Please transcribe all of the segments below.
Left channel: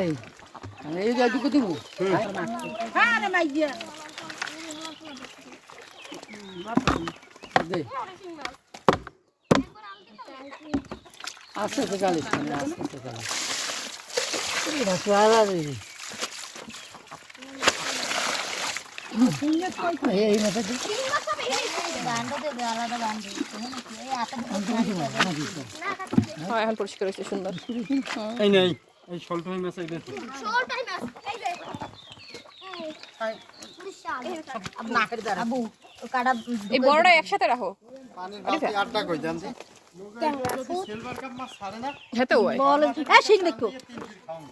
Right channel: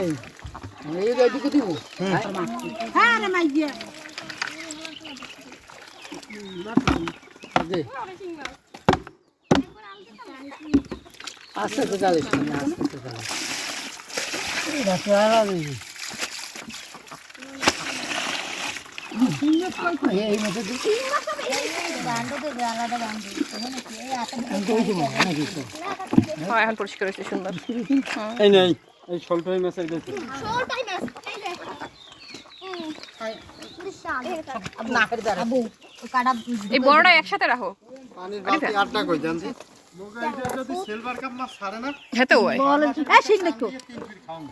এই যেটুকু দিব। হ্যাঁ রে আস্তে আস্তে চালিস আস্তে চালিস। এই দিচ্ছি হ্যাঁ এখন পরিষ্কার হয়েছে সুন্দর। এই নেই এই শোলটাই মাছ এই দেখি। এই বড়টা একসাথে রাখো। আটটা কই দেন দি যদি সিলভার কাপ মাছ ছাড়ে না? হেতে হয়।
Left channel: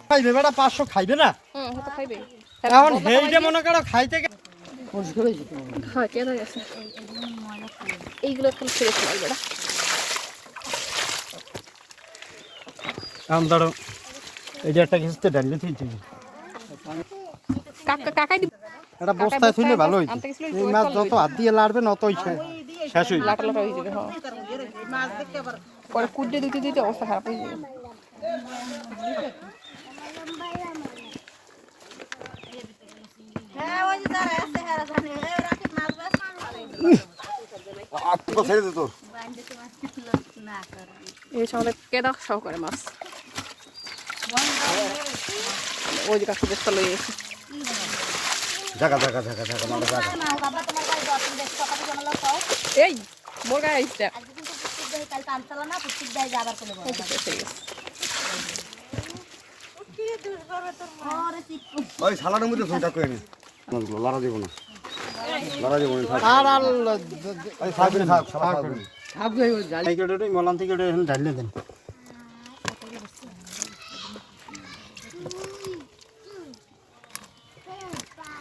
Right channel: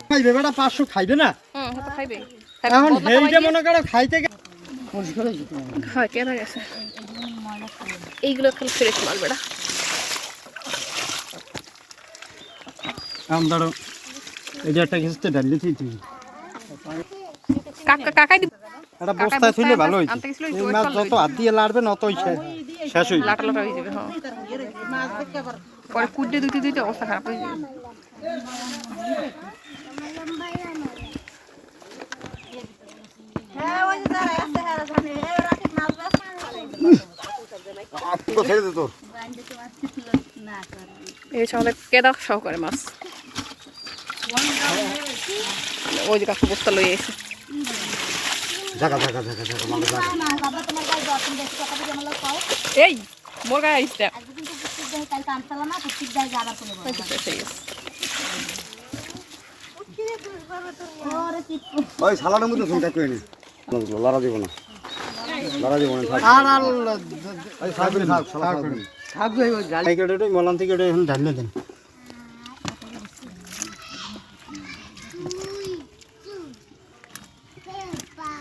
খাইবে বেটা পাঁচশো খাইবে না? খাইবে। মনে করো খাইতে এইগুলো খালি ফ্রেশ মাল বেড়া আম ধরো। এই যে একটা কিছুতে ডালি থুইছি কাকা কাকাই দিব। এটা বস্তায় থুইলে ভালো হইছে এই মাছ যত হাত দিয়ে লাড়বে নতই শেষ হইবে লাটা লাটা হয়ে যাবে হ্যাঁ। পরে কুডে দুইতে দুইতে অবস্থা খারাপ হয়ে যাবে। ছেড়ে দে তো। এই হচ্ছে আমাদের কেদা সহকারে মাছ। ওই যে কাকু বস্তা লই এসে। জায়গা জায়গা জায়গা জায়গা মানে জায়গা এই মোর গায়ে আইসটা ওই শালার মধ্যে ফোনটা কই নি? লড়া দিব না। লড়া দিব না থাক। আর থাকবে থাক থাক এই কেটে মলান থেকে ঢাললে দেন।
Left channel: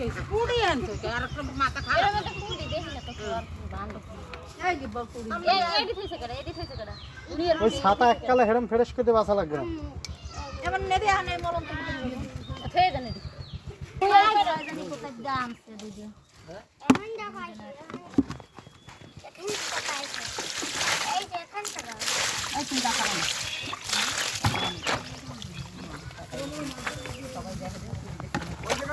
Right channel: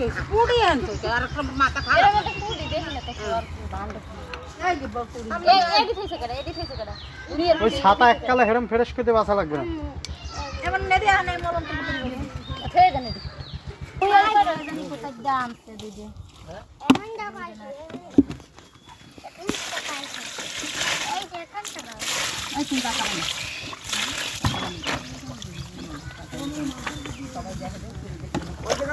এই ওই যে করে কুড়ি আনতো তো আর ওই ছাতা এককালে হেরম ফ্রেশ করতে বাসা লাগবে না। এমন নেদি আনে মরম তো বালতিতে আর